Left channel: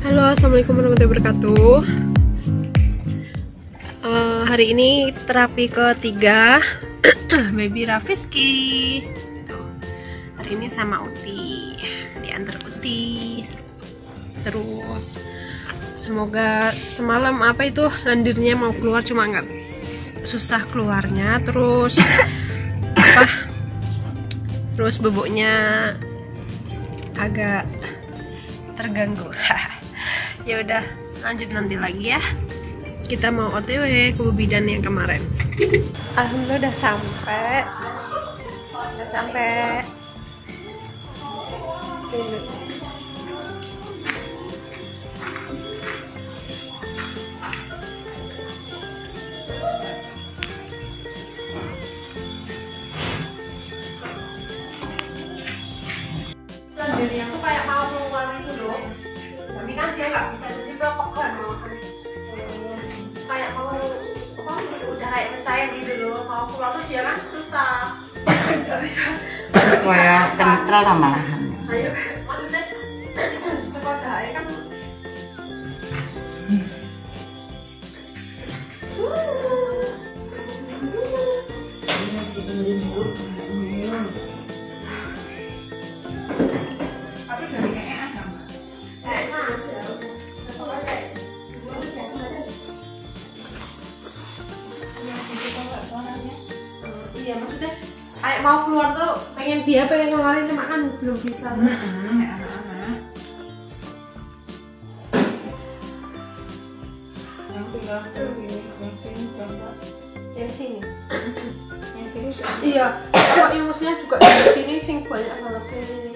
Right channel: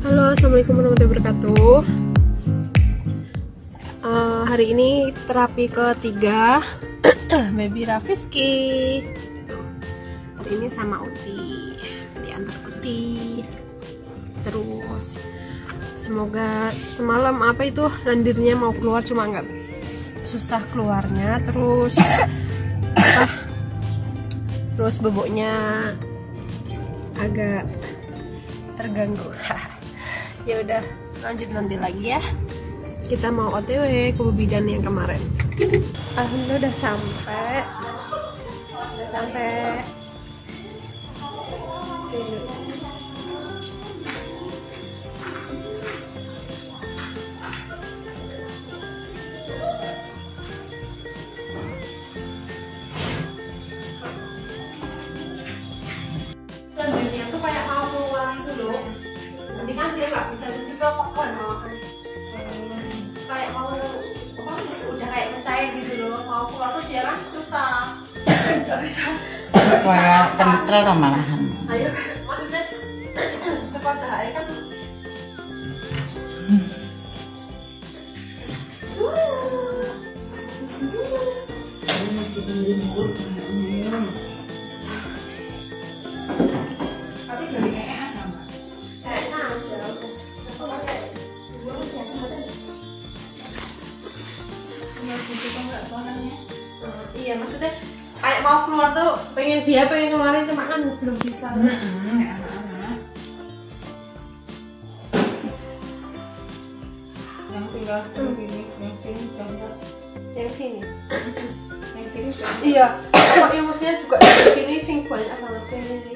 Halo, assalamualaikum warahmatullahi wabarakatuh. Hari ini terapi ketiga baby Rafiski. Hari ini sama Uti, diantar Uti. Terus semoga semalam lendirnya mau keluar, cuma nggak susah keluarnya. Terus terus boboknya agak terganggu. Ya udah, lanjut nanti lagi ya. Kita mau OTW ke bidan yang kemarin. Alhamdulillah udah sampai. Lendirnya tuh kayak mau keluar gitu loh. Tapi kan dia nggak bisa juga pekan malahan. Kayak mau udah kayak mencair gitu loh, mau keluar tuh dia kan susah. Nggak bisa. Kayak kental lah malahan. Ayo maksudnya sekolah aja kan. Iya, maksudnya kayak mau keluar tuh pengen ngeluarin, cuma kan belum bisa. Yang tinggal sini, yang sini coba. Yang sini. Iya, kalau ingusnya juga di sini sing banyak banget yang ini.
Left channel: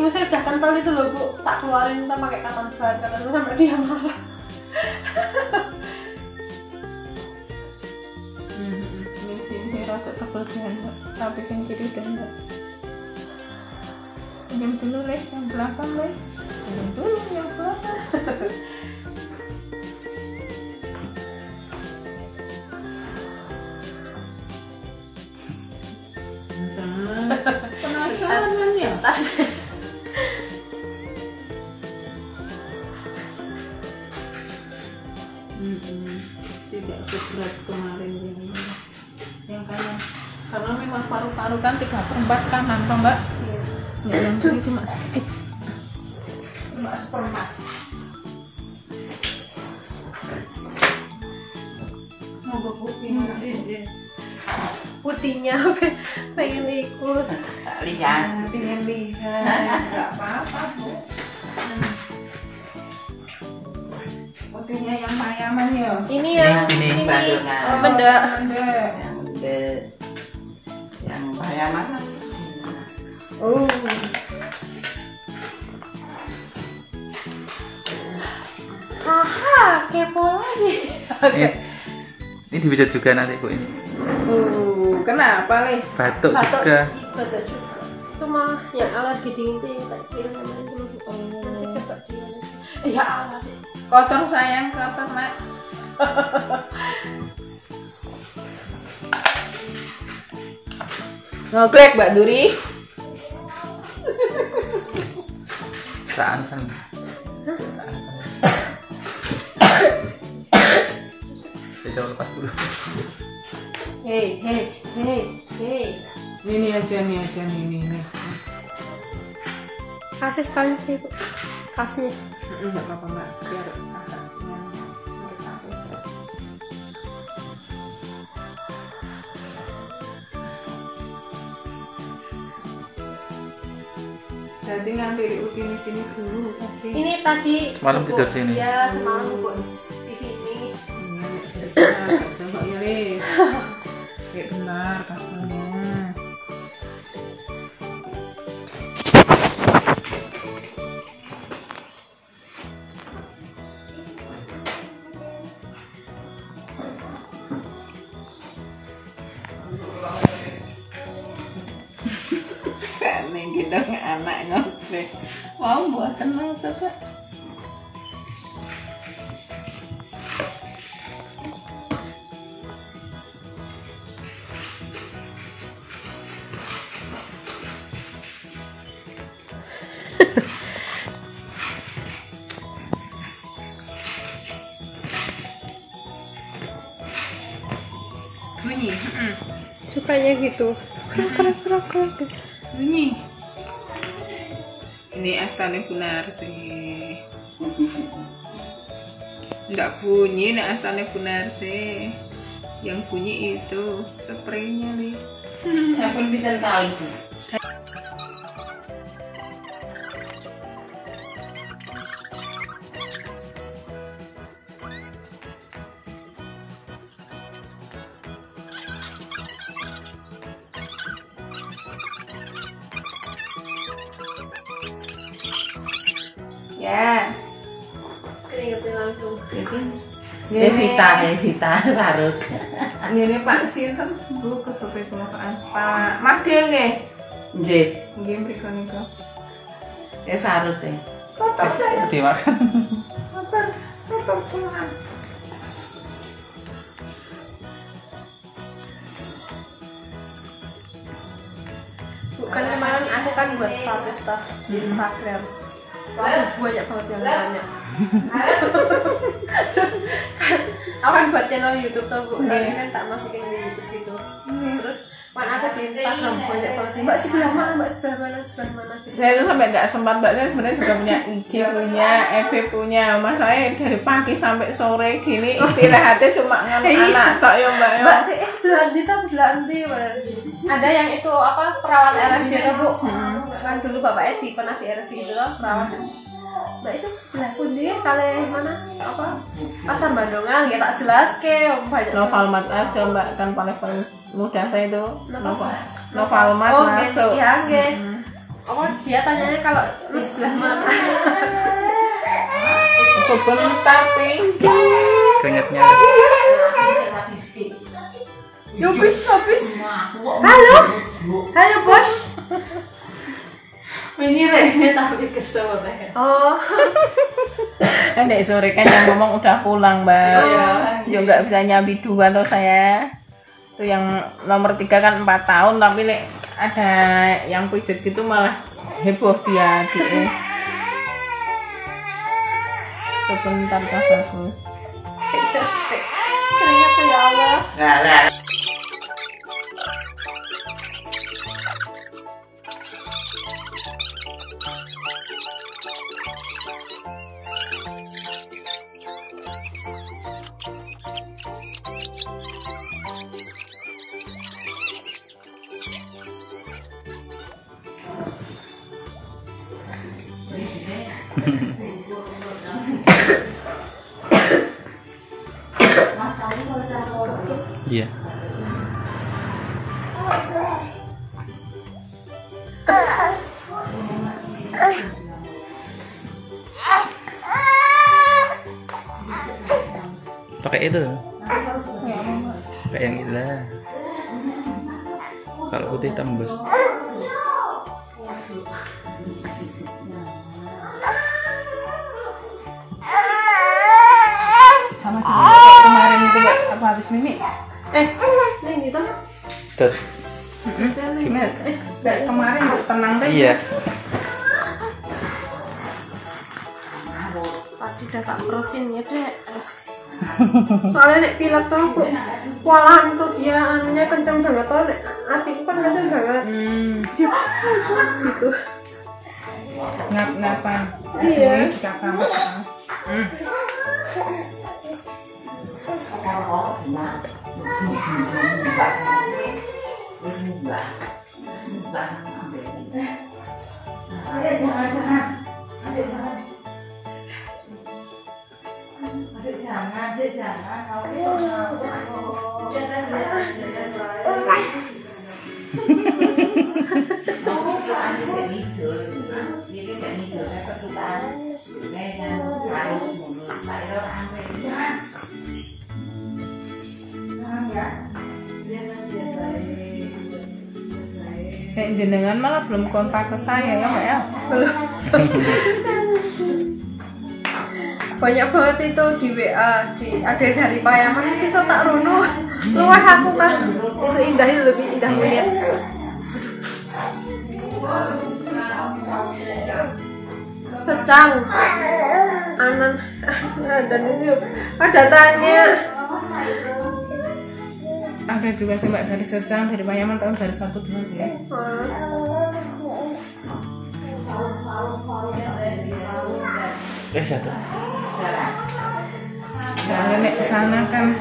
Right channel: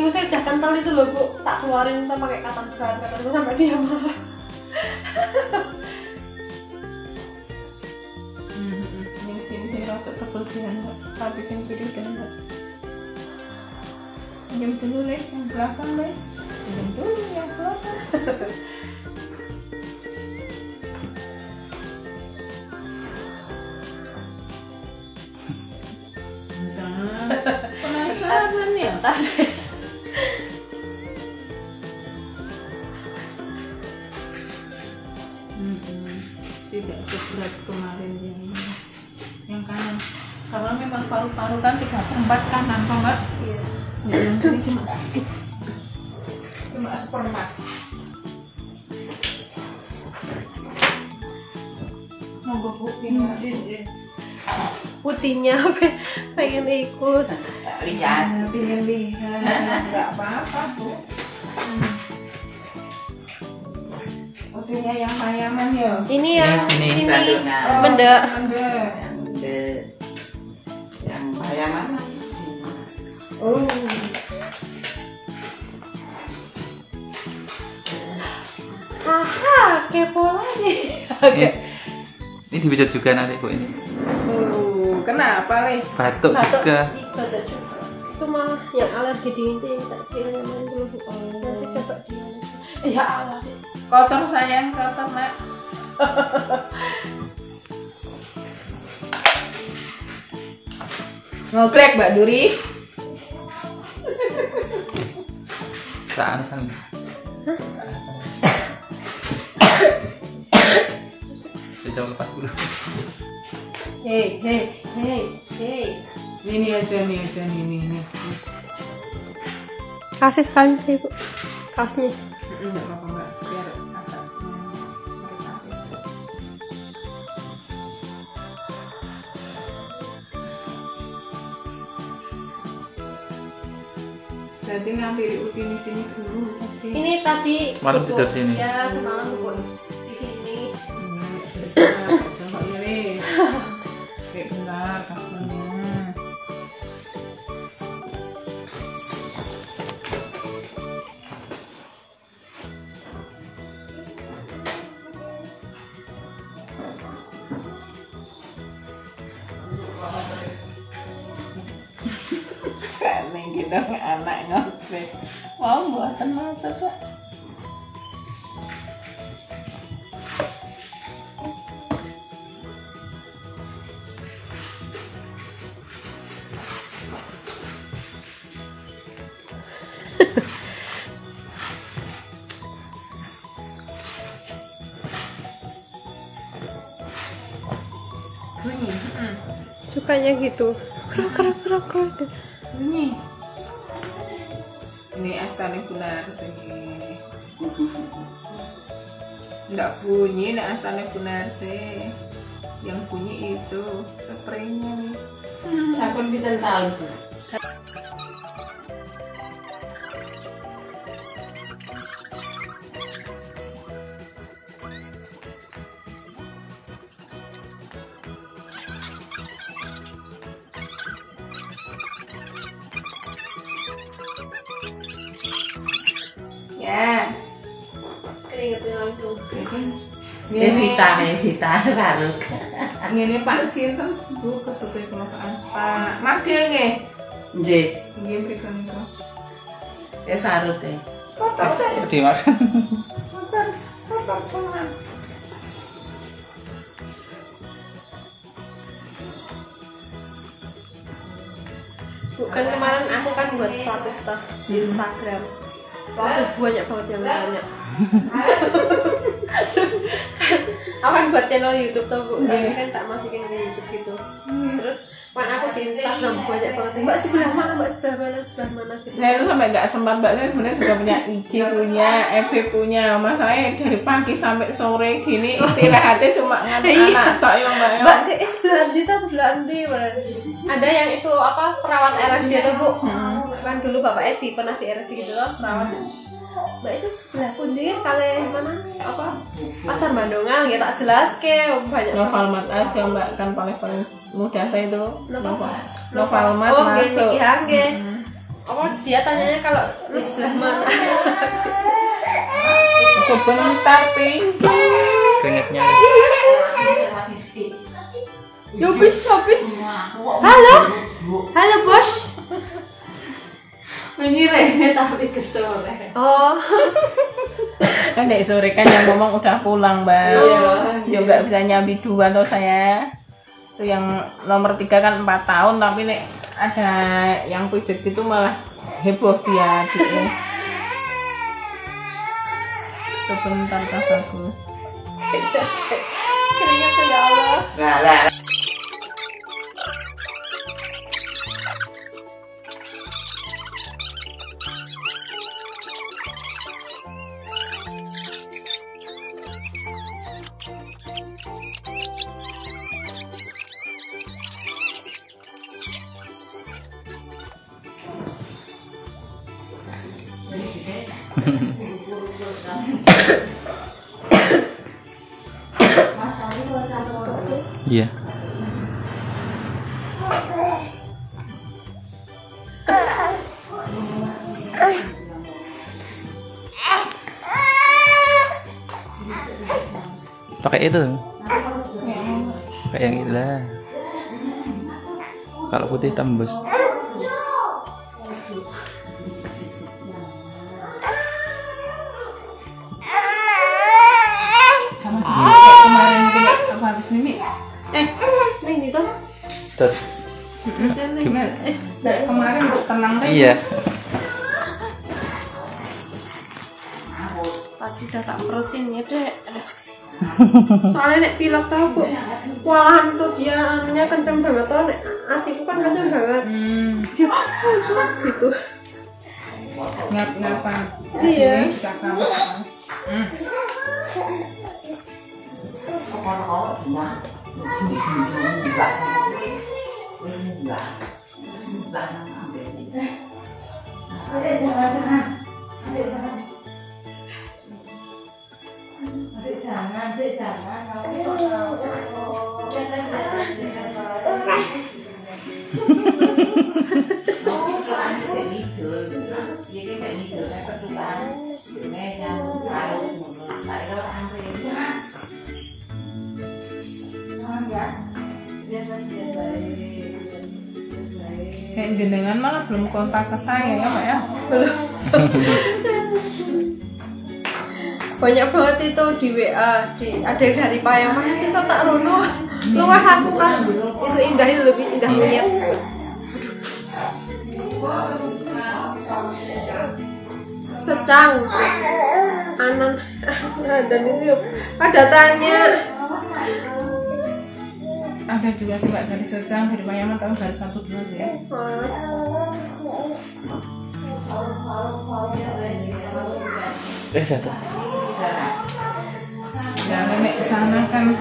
Ingusnya udah kental itu loh Bu, tak keluarin kita pakai katan ban, sampai dia marah. Ini rasa tebal janda, tapi yang kiri janda. Pinjam dulu leh, yang belakang leh. Pinjam dulu yang belakang. Penasaran ya? Tidak seberat kemarin yang kanan, karena memang paru-paru kan 3/4 kanan, toh enggak? Iya. Ya, yang kiri cuma sedikit, cuma 1/4. Mau gue putih Putihnya pengen ikut. lihat, pengen lihat, nggak apa-apa Bu. Putihnya yang mayaman ya. Ini yang ini benda. Yang mayaman. Oh. Aha, kepo lagi. Ini dibijat juga nanti Bu ini. Kenapa Le? Batuk juga. Batuk juga. Itu mah yang alergi dingin itu yang tak kira nanti coba dia. Ya Allah. Kotor sayang, kotor Nak. Ngoklek Mbak Duri. Saan kan. Kita lepas dulu. Hei. Ini aja. Kasih sekali sih Bu. Kasih. Enggak apa-apa Mbak, biar agak satu. Jadi ngambil uti di sini dulu. Ini tadi Semalam tidur sini. Ya, semalam Bu di sini. Coba ini. Kayak benar kasihnya. Seneng gitu anak ngobrol. Mau buat tenang coba. bunyi. Sukanya gitu. Krok. Bunyi. Ini astane Bunarsi. Enggak bunyi nih astane Bunarsi. Yang bunyi itu spraynya nih. Sampun pinten tahun, Bu? Ya. Keringetnya langsung. Evita karo. Ngene Pak sinten Bu kesope kelopaan. Pak Marde nggih. Nggih, Nggih mriku niku. Farut e. Foto saya. Dimakan. Foto semua. Bukan kemarin aku kan buat status toh di Instagram. Langsung banyak banget yang nanya. Aku kan buat channel YouTube tuh, Bu. Tapi kan tak masukin di YouTube gitu. Terus kan aku di Instagram banyak banget. Mbak sebelah mana gitu. Saya itu sampai nggak sempat, Mbak. Saya sebenarnya juga punya IG, punya FB, punya Mas saya dari pagi sampai sore gini istirahatnya cuma nganu anak tok ya Mbak. Mbak, sebelah nanti. Ada yang itu apa perawat RS gitu, Bu. Kan dulu Bapak Edi pernah di RS gitu loh, perawat. Mbak itu sebelah pundi kali mana apa pasar Bandungan ya tak jelas ke banyak. Novalmat aja Mbak, kan paling mudah saya itu Novalmat oh, masuk. Oh dia tanyanya kalau di sebelah mana? Sebentar pintu. Keringetnya. Habis. Halo bos. Ini rene tapi kesore. Oh. Kan dek sore kan yang ngomong udah pulang Mbak. Juga bisa nyambi 2 atau saya. Itu yang nomor 3 kan 4 tahun tapi nek ada yang pijet gitu malah heboh dia gitu. Sebentar Kak Bagus. Keringat ya Allah. Enggak lah. Iya. Pakai itu. Pakai yang itu lah. Kalau putih tembus. Sama kemarin itu apa habis ini? Ini tuh. Tuh. Kemarin tenang kan? Iya. Tadi udah tak perusin ya dek. Soalnya nek pilek tau Bu, walahan tuh dia anunya kenceng banget tau nek asiku kan kenceng banget. Gitu. Ngap-ngapan. Iya. Jenengan malah belum kontak ke saya ya Mbak ya? Banyak banget itu di WA, ada yang dari Payaman sih so tak rono. Luar aku kan itu indahnya lebih indah lihat. Secang anan dan ini ada tanya ada juga sih Mbak dari Secang, dari Payaman, tahun dari 12 sih. Satu. Nah, nenek sana kan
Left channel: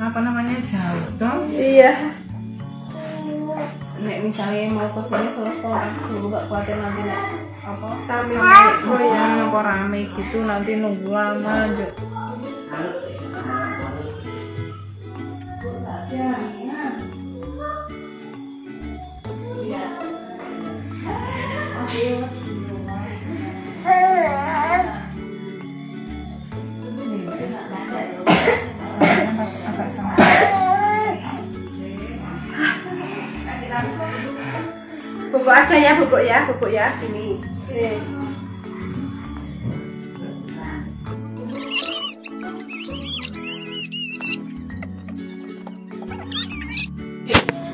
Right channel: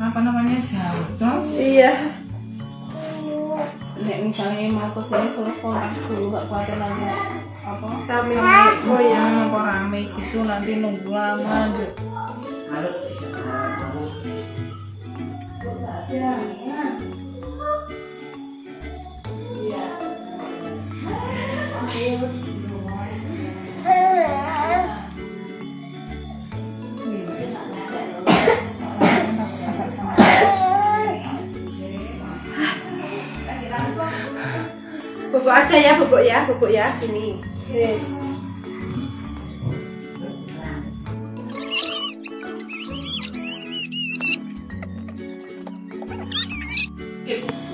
apa namanya jauh dong. Iya. Nek misalnya mau ke sini suruh kontak dulu Mbak, khawatir nanti apa Oh iya. apa rame gitu nanti nunggu lama. Bubuk aja ya, bubuk ya, ini. Nih.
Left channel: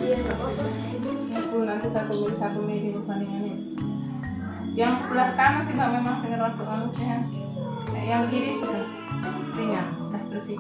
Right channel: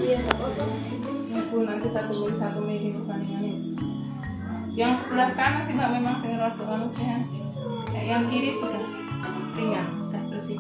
Iya, nggak apa-apa. Nanti satu mili bandingannya. Yang sebelah kanan sih Mbak memang saya rada manusia. Yang kiri sudah ringan, sudah bersih.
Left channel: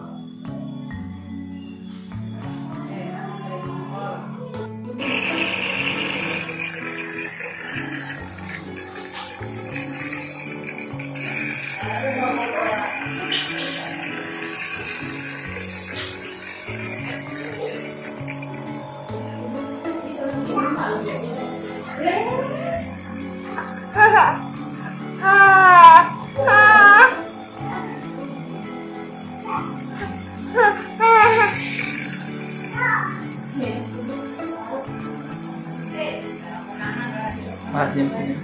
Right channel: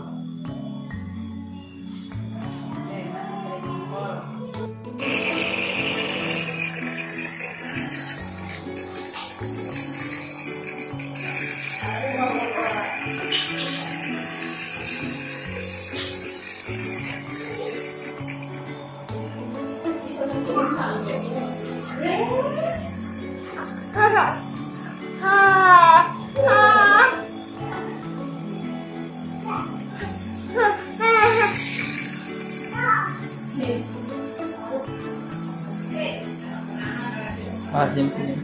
Argentina.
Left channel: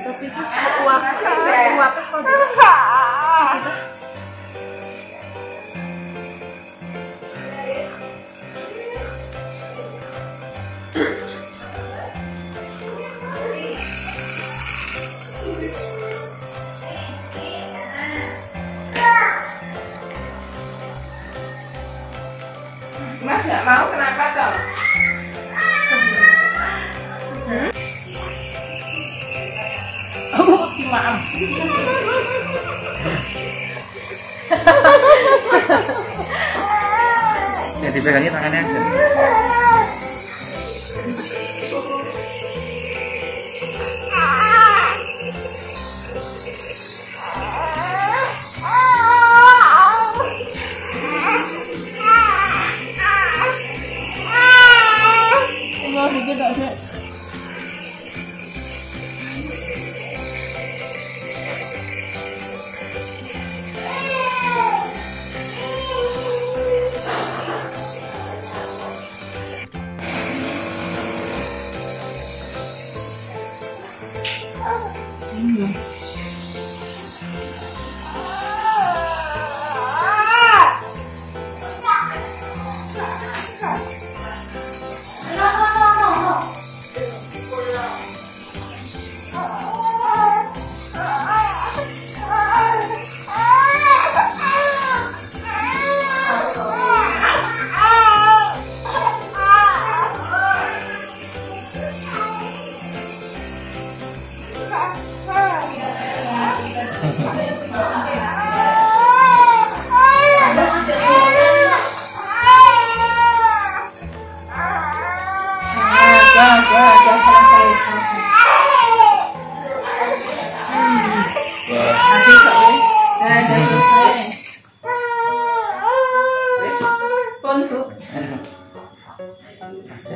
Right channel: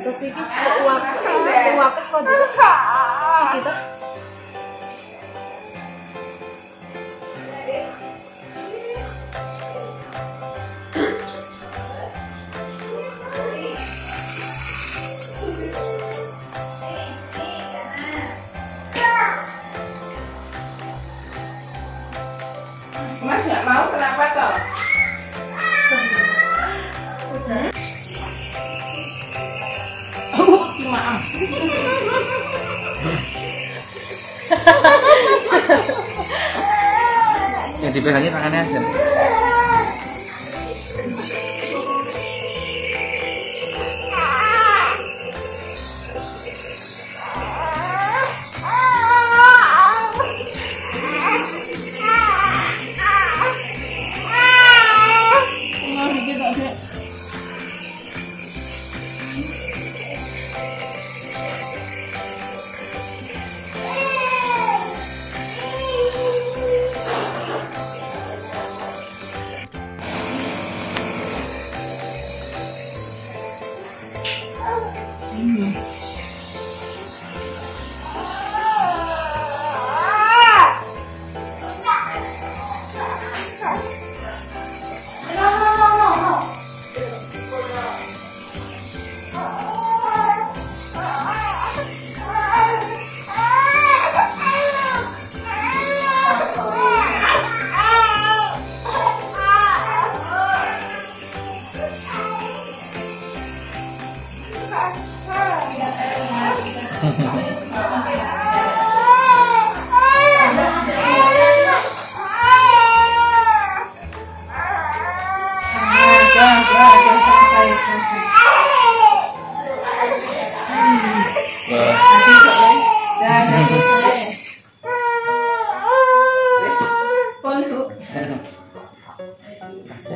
Tapi uap kok gitu. Mas nggak mau kenapa toh? Maaf. Yang dipegangnya tangannya aja.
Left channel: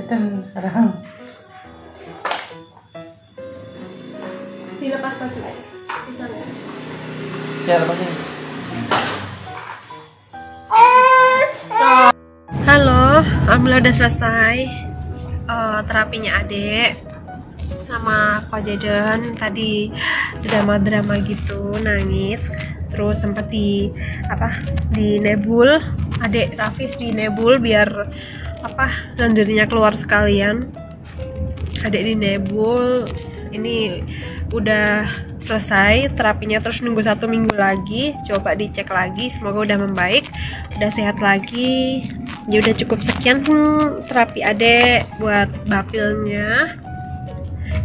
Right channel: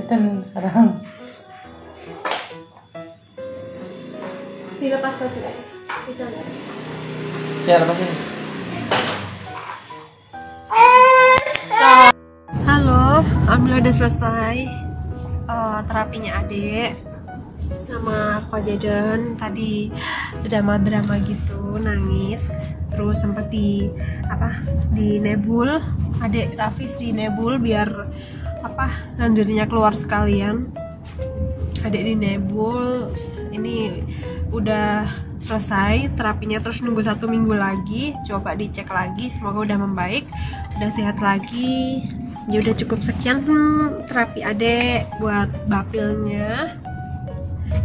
Dan sekarang Dilepas baju aja. Bisa nggak? ya lepasin. Halo, alhamdulillah udah selesai terapinya adek sama Pak Jaden. Tadi drama-drama gitu, nangis. terus sempat di nebul, adek Rafis di nebul biar lendirnya keluar sekalian. Adek di nebul, ini udah selesai terapinya, terus nunggu 1 minggu lagi, coba dicek lagi, semoga udah membaik, udah sehat lagi. Ya udah cukup sekian terapi adek buat bapilnya.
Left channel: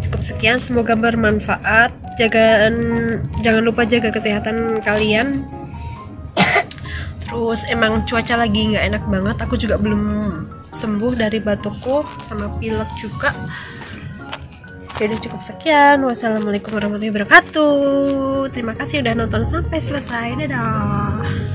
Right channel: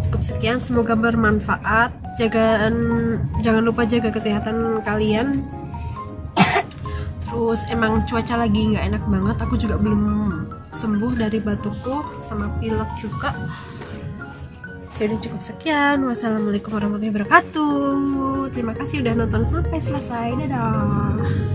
Cukup sekian, semoga bermanfaat. Jangan lupa jaga kesehatan kalian. Terus emang cuaca lagi nggak enak banget, aku juga belum sembuh dari batukku sama pilek juga. Jadi cukup sekian. Wassalamualaikum warahmatullahi wabarakatuh. Terima kasih udah nonton sampai selesai. Dadah.